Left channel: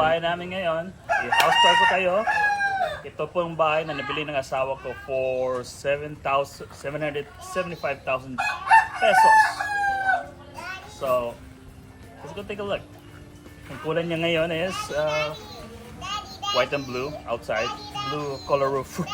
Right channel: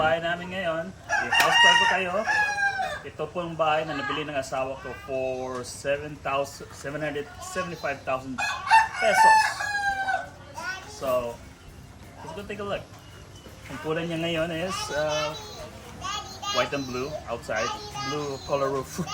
bahay namin ngayon. I-house tour ko kayo. Ito po yung bahay na nabili ng asawa ko for 775,000 pesos. So, let's go take a look. Ang kulay niya ngayon is white and blue outside. Blue color roof.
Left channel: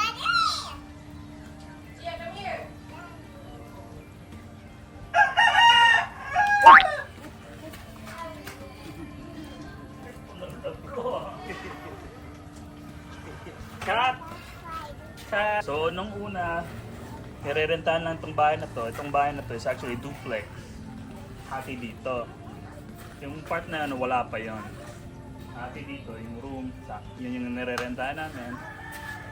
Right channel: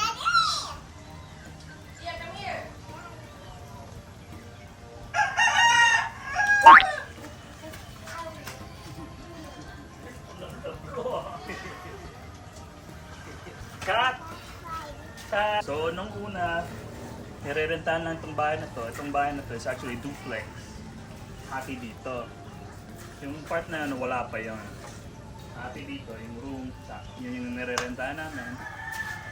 Cut! Cut! So, nung una, nire-rentahan lang itong bahay na to. Itong bahay na to is actually duplex. Hati dito. Yung part na ano, wala pa yon. Hati dito, yung room, yun yung nire-rentahan namin.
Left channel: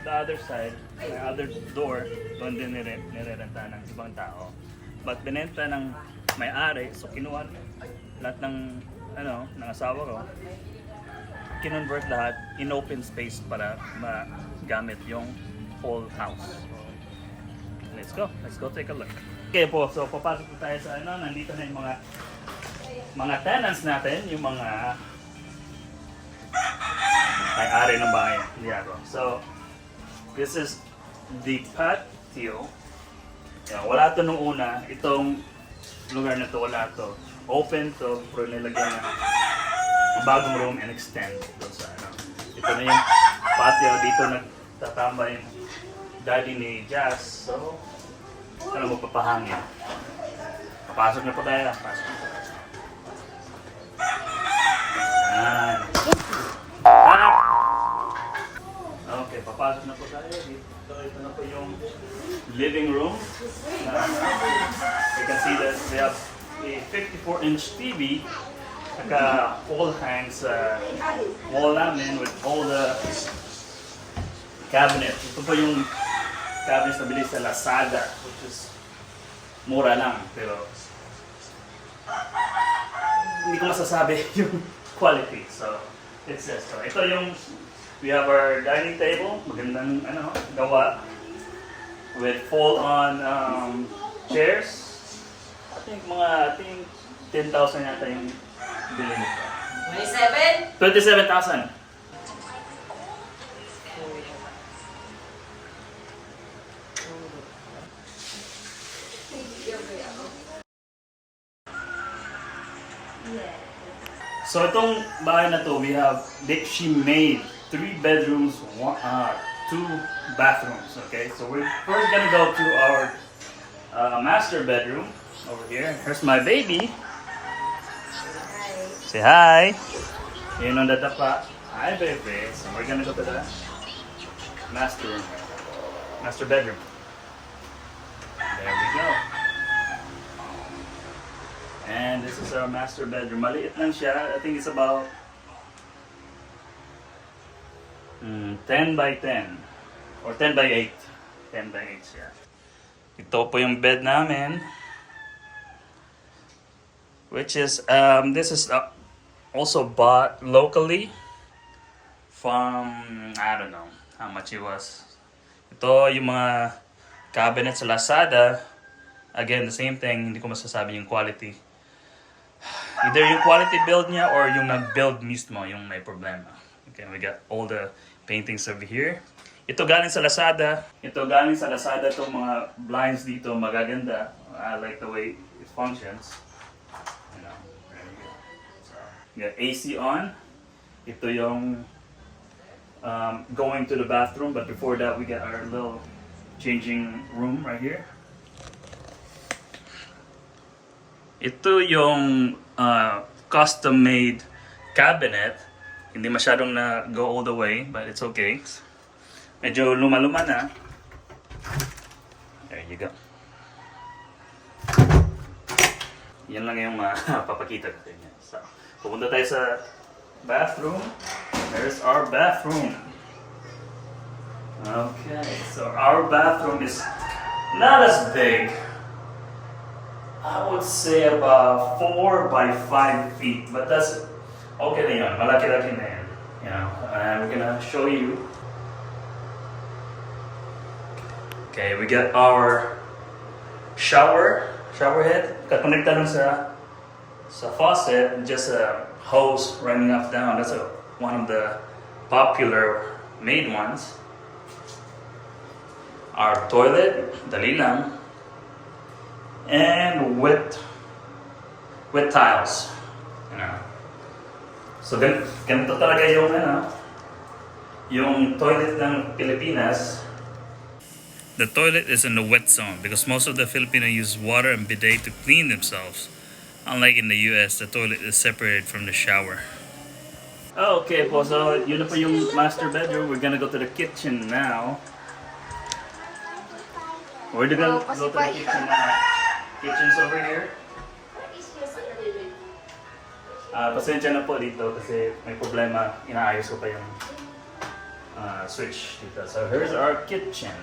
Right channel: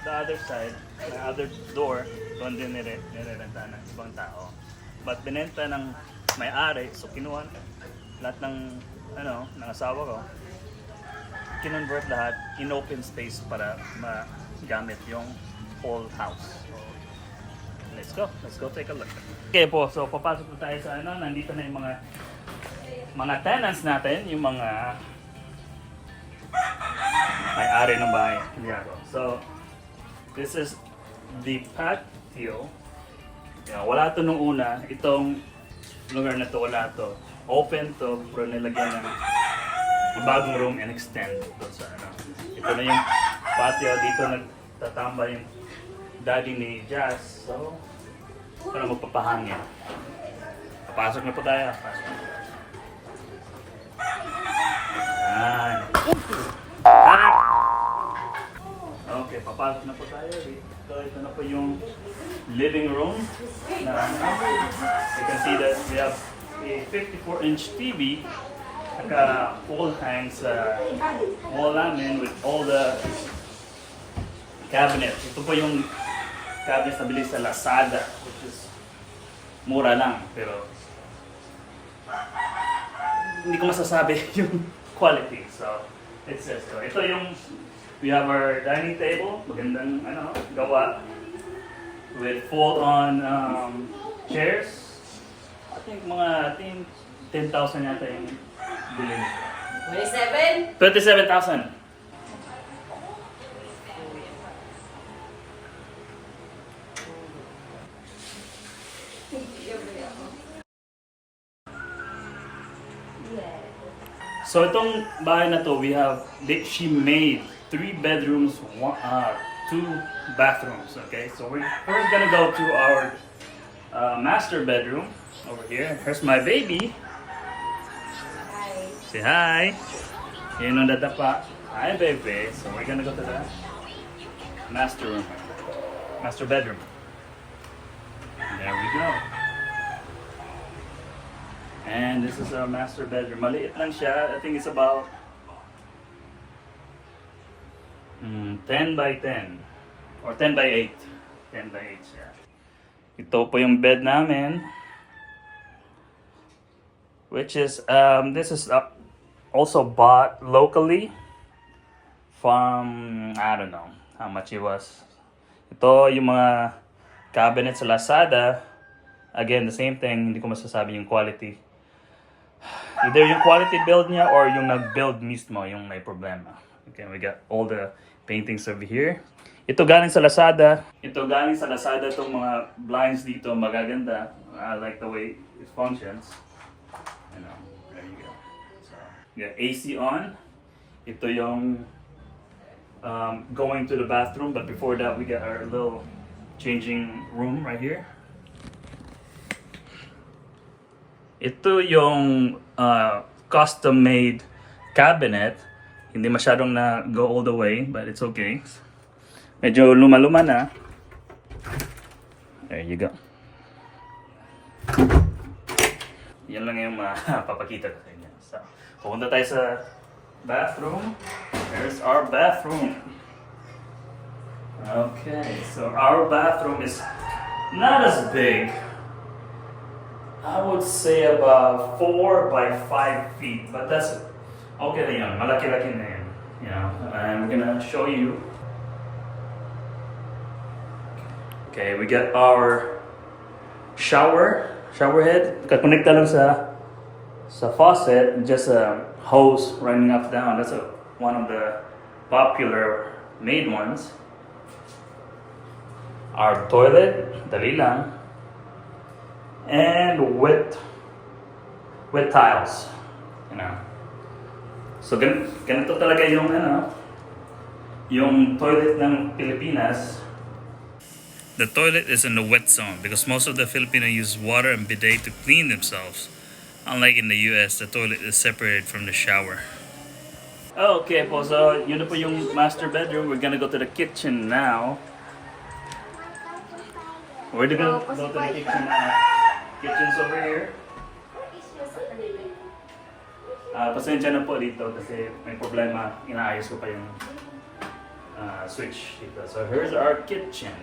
The other side, may other door, doon din nire-rentahan ng ibang tao. But binenta ng may-ari, so kinuha lahat ng, ano, ng asawa ko. Kinonvert lahat in open space para magamit yung whole house. So, let's go take a look. Okay po, so papasok po tayo sa ano, nandito na yung mga tenants natin, yung mga may-ari ng bahay. So, this is the patio. Yeah, wala to nung una, itong lugar na to, wala to. Open to, pero nilagyan ng bagong room and extend doon sa ano. Ito na yung patio, dito nagtatamba yung daddy ni Jazz. So, para magpapahangin. Papasok na po tayo. Pasok na po. Yan. Okay, papasok na po tayo. Ito na po yung living room. You can see that we have a 54-inch TV. Naka-wall hang sa wall namin with all the cabinet. Ito po yung cabinet na bili sa Lazada, which is mura lang, pero hindi ko masasabi yung quality. So, it's this. So, ito yung, we have our dining table, magandang ano, gawa with fold-on chairs. I think 10,000 yata yung bili nito. 27,000. So itong bahay na to, she made 3 bedrooms, 2 bathrooms. Okay, so we're first gonna go to our master bedroom over here. Here's my baby. Say hi. Yun ang dadapa. Hi, baby. So we're gonna go to the master room. Master bedroom. There we go. And this is our master bedroom. Maliit lang siya. I think it's about 10 by 10. Or 10 by 8. 10 by 8 siya. Ito po yung bed namin. Which is, this is also bought locally from, I don't know how much it was. Ito yung mga cabinet sa Lazada. Again, the same thing, hindi ko masasabi yung quality. Either yung quality build niya or yung nag-build mismo yung may problema. Okay, we got all the paintings over here. Ito galing sa Lazada. Itong mga blinds dito, magaganda. I like the way it functions. There you go. So, we got AC on. Ito yung going to the bathroom, but before that we got our little changing room right here. Ito yung custom-made cabinet. Hindi masyadong na go all the way, but it's okay. Medyo luma-luma na. There you go. Yan lang yung papakita ko sa inyo. So, pupunta tayo sa bathroom. There's our bathroom. Okay, so our bathroom is not as big. I would say about 4 by 5 feet, but that's okay na yun. Malaki-laki na yan. You know, I'm gonna show you. Okay, we got our shower head. Kakonekta lang sa faucet, just a hose running up down. That's one of the popular made ones. Our toilet, dali lang. And with tiles. You know. So ganito talaga yung yung toilet ng Pilipinas. The toilet is in the wet zone because most of the Filipino use water and bidet to clean themselves. Unlike in the US, the toilet is separated from the shower. Okay po, so yun na po yung master bedroom. We're gonna go to the kitchen now. We're gonna go to the kitchen now. Kitchen's over here. Pasensya na po dito kasi may problema. Inaayos ko pa yung switch dito. So here's our kitchen.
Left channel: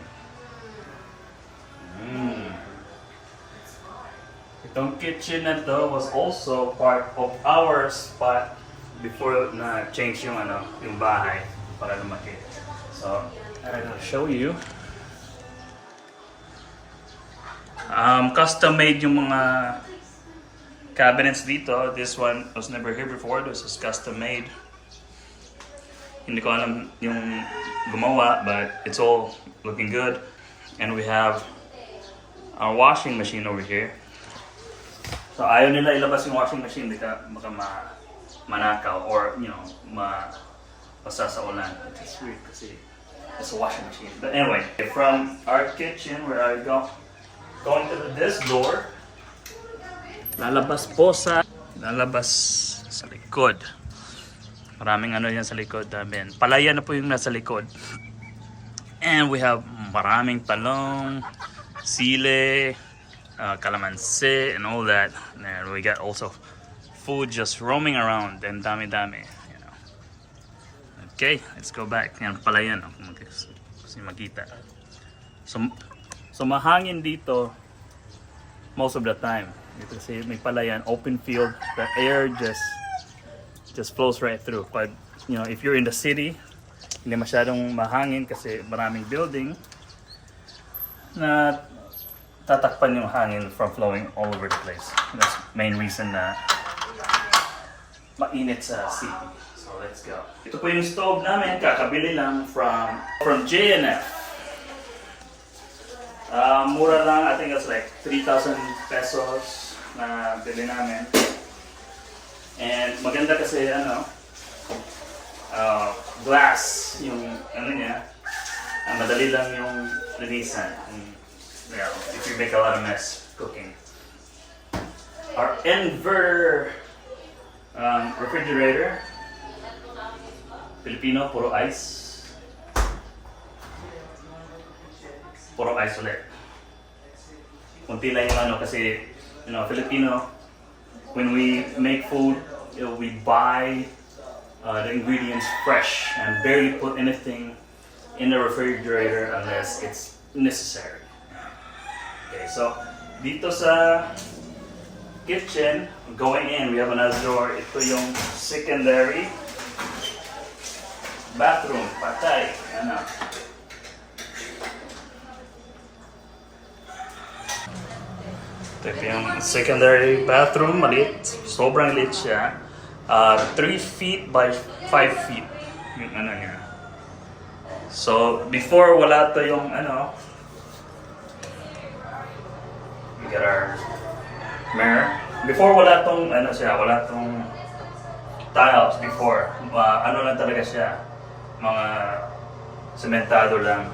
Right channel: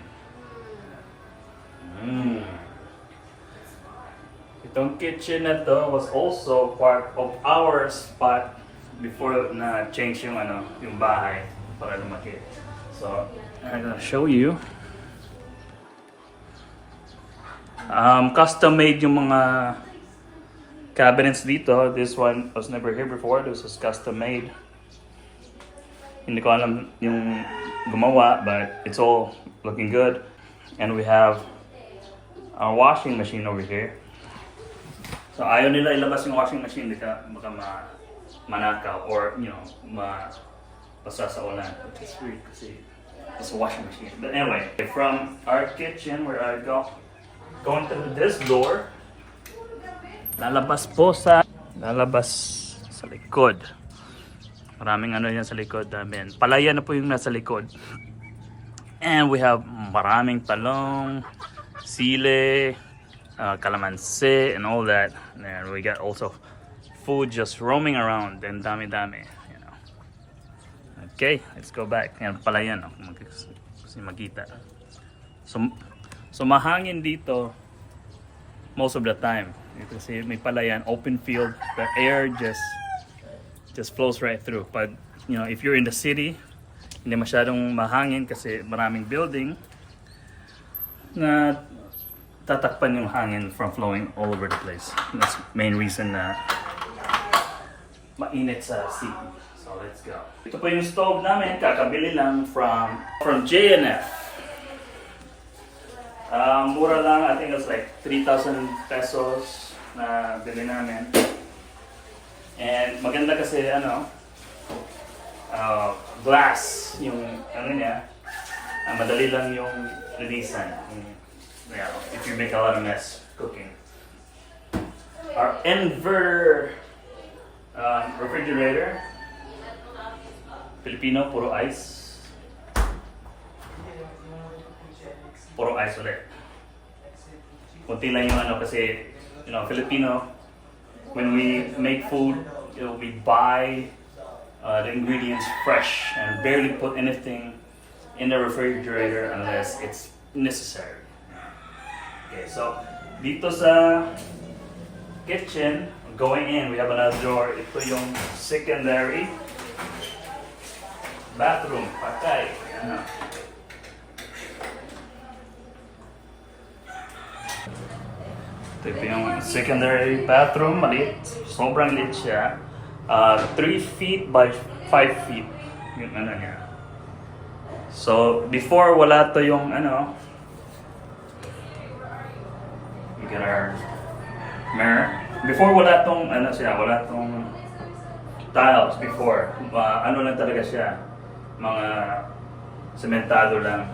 Itong kitchen na to was also part of our spot before na change yung yung bahay para lumaki. So I'm gonna show you. Custom made yung mga cabinets dito. This one was never here before. This was custom made. Hindi ko alam yung gumawa, but it's all looking good. And we have our washing machine over here. So ayaw nila ilabas yung washing machine baka manakaw or basa sa ulan. Which is weird kasi it's a washing machine. But anyway, from our kitchen where I going to this door, lalabas sa likod. Maraming yan sa likod namin. Palayan na po yung nasa likod. And we have maraming talong, sile, calamansi, and all that. And we got also food just roaming around and dami-dami. Okay, let's go back. Yan palayan, kasi makita. So mahangin dito most of the time. Ito kasi may palayan, open field, the air just flows right through. But if you're in the city, hindi masyadong mahangin kasi maraming building na tatakpan yung hangin from flowing all over the place. That's the main reason na mainit sa city. So let's go. Ito po yung stove namin, kakabili lang from J&F. Mura lang, I think it's like 3,000 pesos na bili namin. And maganda kasi glass yung niya. Madali lang yung linisan. If you make a lot of mess cooking. Our inverter refrigerator. Filipino, puro ice. Puro ice ulit. Kunti lang yung kasi Filipino, when we make food, we buy the ingredients fresh and barely put anything in the refrigerator unless it's necessary. Okay, so dito sa kitchen, going in, we have another door. Ito yung secondary bathroom. Patay. Ito yung secondary bathroom, maliit. Sobrang liit siya. 3 feet by 5 feet yung niya. So, before wala to yung we get our mirror. Before wala tong wala tong tiles before. Lang talaga siya. Mga sementado lang.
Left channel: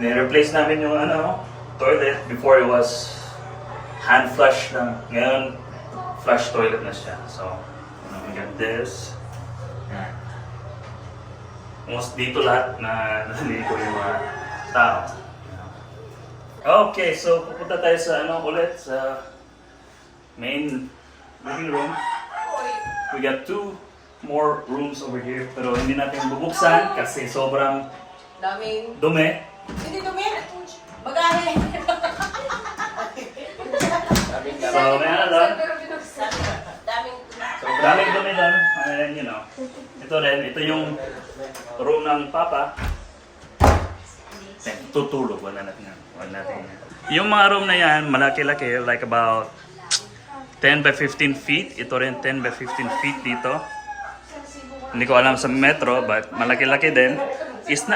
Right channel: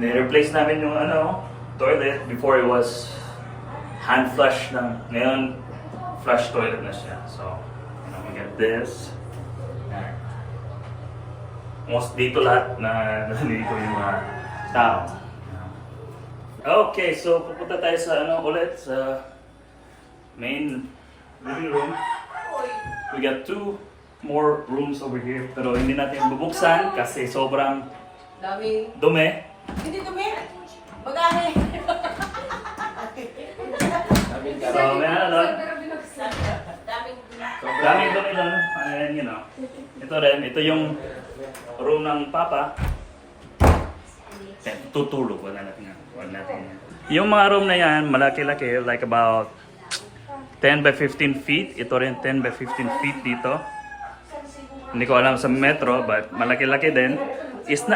Ni-replace namin yung toilet. Before it was hand flush lang. Ngayon, flush toilet na siya. So, we got this. Most dito lahat na naliligo yung mga tao. Okay, so pupunta tayo sa ulit sa main living room. We got 2 more rooms over here pero hindi natin bubuksan kasi sobrang dumi. Hindi dumi. Magani. So, may doon. Daming dumi doon. And ito rin, ito yung room ng Papa. Tutulog, wala natin. Yung mga room na yan, malaki-laki, like about 10 by 15 feet. Ito rin 10 by 15 feet dito. Hindi ko alam sa metro, but malaki-laki din. It's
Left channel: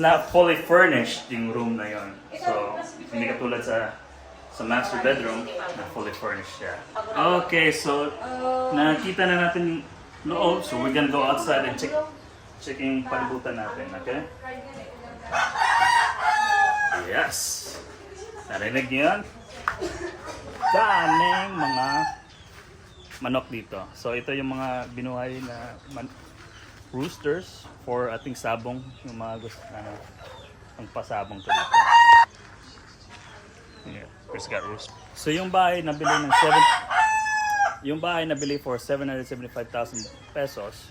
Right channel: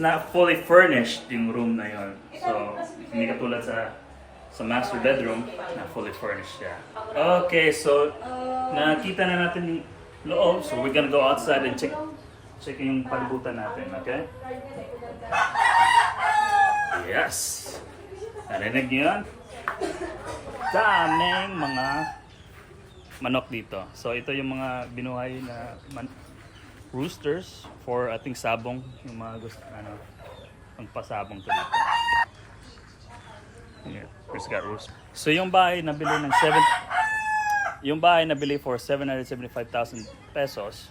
not fully furnished yung room na yon. So, hindi katulad sa master bedroom na fully furnished siya. Okay, so nakita na natin yung loob. So, we're gonna go outside and check yung palibutan natin, okay? Yes! Narinig niyo yan? Daming mga manok dito. So ito yung mga binuhay na roosters for ating sabong, yung mga gusto ang pasabong to dito. Yeah, just got roost. So yung bahay nabili for 775,000 pesos.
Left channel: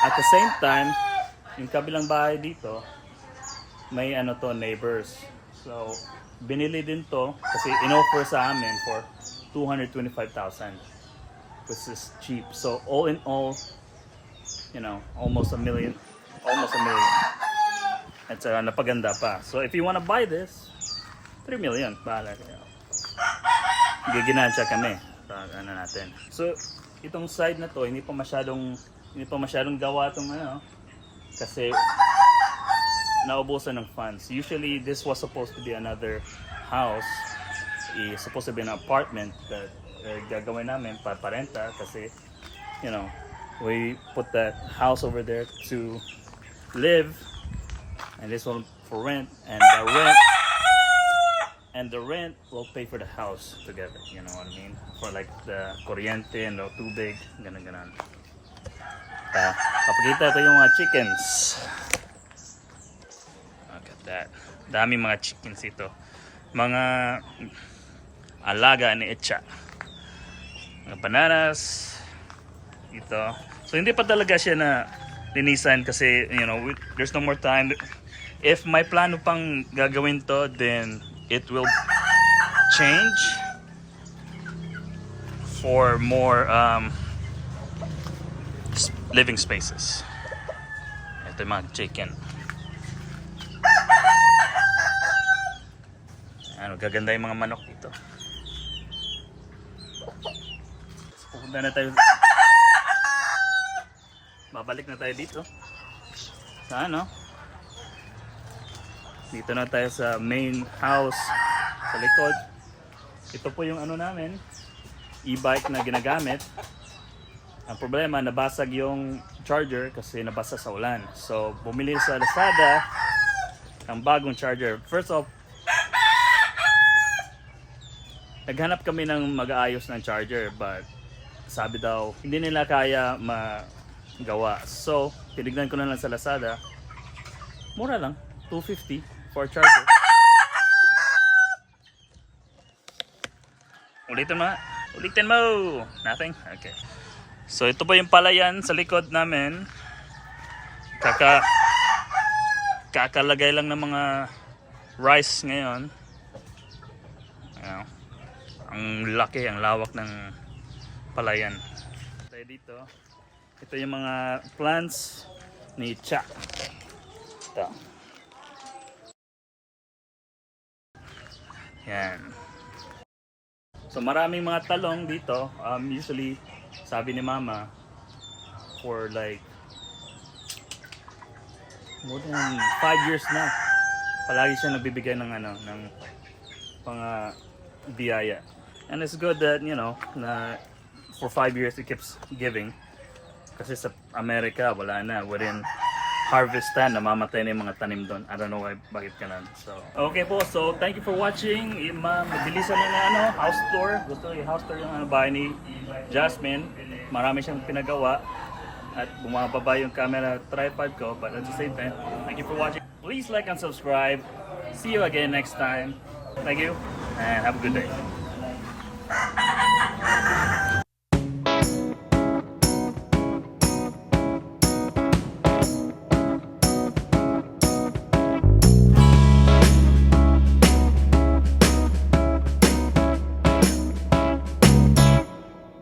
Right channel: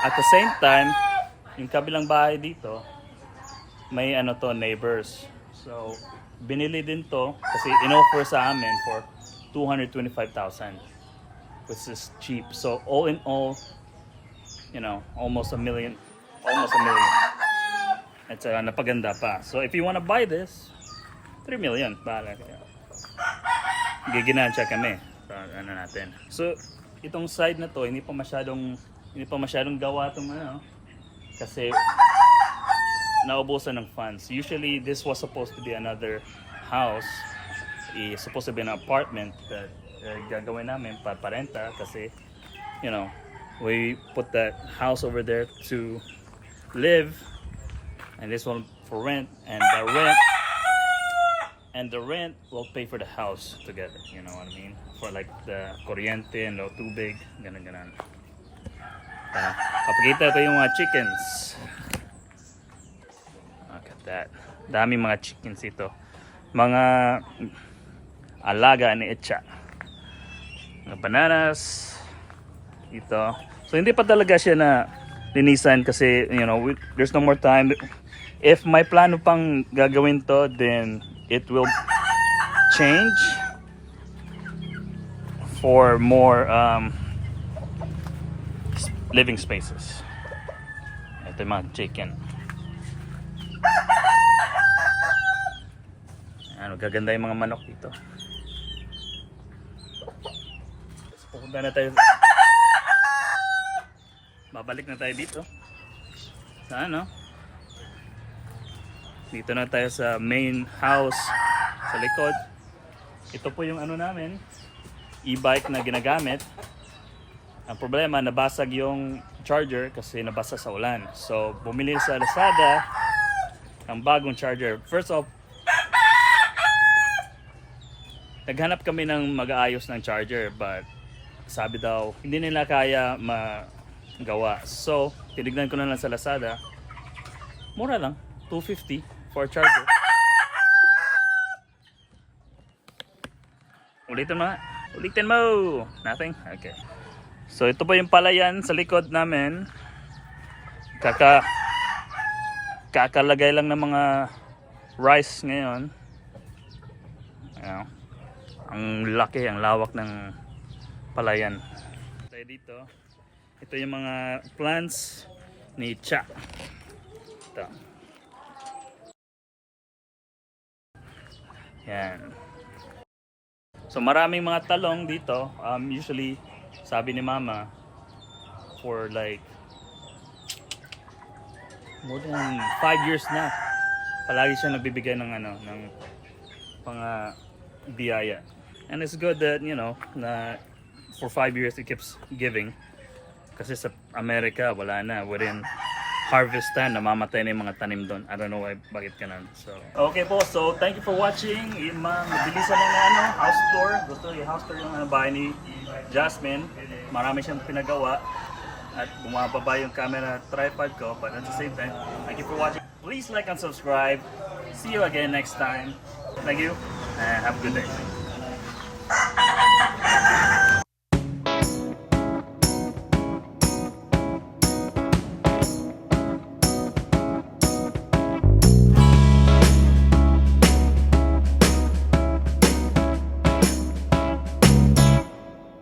At the same time, yung kabilang bahay dito may neighbors. So binili din to kasi inoffer sa amin for 225,000, which is cheap. So all in all, almost a million. At napaganda pa. So if you wanna buy this, 3 million. Bahala kayo. Giginansya kami. Natin. So itong side na to, hindi pa masyadong gawa tong kasi naubusan ng funds. Usually this was supposed to be another house. It's supposed to be an apartment that gagawin namin parenta kasi we put that house over there to live, and this one for rent, and the rent will pay for the house together, you know what I mean, for like the kuryente and the tubig, ganun. Papakita ko yung mga chickens. Look at that. Dami mga chickens ito. Mga alaga ni Echa. Mga bananas. Ito. So hindi pa talaga siya na linisan kasi there's no more time. If may plano pang gagawin to, then it will change for more living spaces. Ito yung mga chicken. Gaganda yung mga manok dito. Pupunta na tayo. Babalik na tayo dito. Sa dito na tayo sa main house sa likod. Ito po yung namin, e-bike na ginagamit. Ang problema, nabasag yung charger kasi nabasa sa ulan. So bumili sa Lazada ng bagong charger. First off, naghanap kami ng mag-aayos ng charger, but sabi daw hindi nila kaya magawa. So tinignan ko na lang sa Lazada, mura lang, 250 for charger. Ulitin mo. Nothing? Okay. So ito po yung palayan sa likod namin. Kakalagay lang ng mga rice ngayon. Ang laki, ang lawak ng palayan. Tayo dito. Ito yung mga plants ni Cha. Ito. Yan. So maraming mga talong dito. Usually, sabi ni Mama, for like more than 5 years na, palagi siya nagbibigay ng biyaya. And it's good that, na for 5 years it keeps giving. Kasi sa Amerika, wala na. Within harvest time, namamatay na yung mga tanim doon. I don't know bakit ganun. So, okay po, so thank you for watching. Mabilisan na house tour. Gusto yung house tour yung bahay ni Jasmine. Marami siyang pinagawa. At bumababa yung camera tripod ko. But at the same time, thank you for watching. Please like and subscribe. See you again next time. Thank you, and have a good day.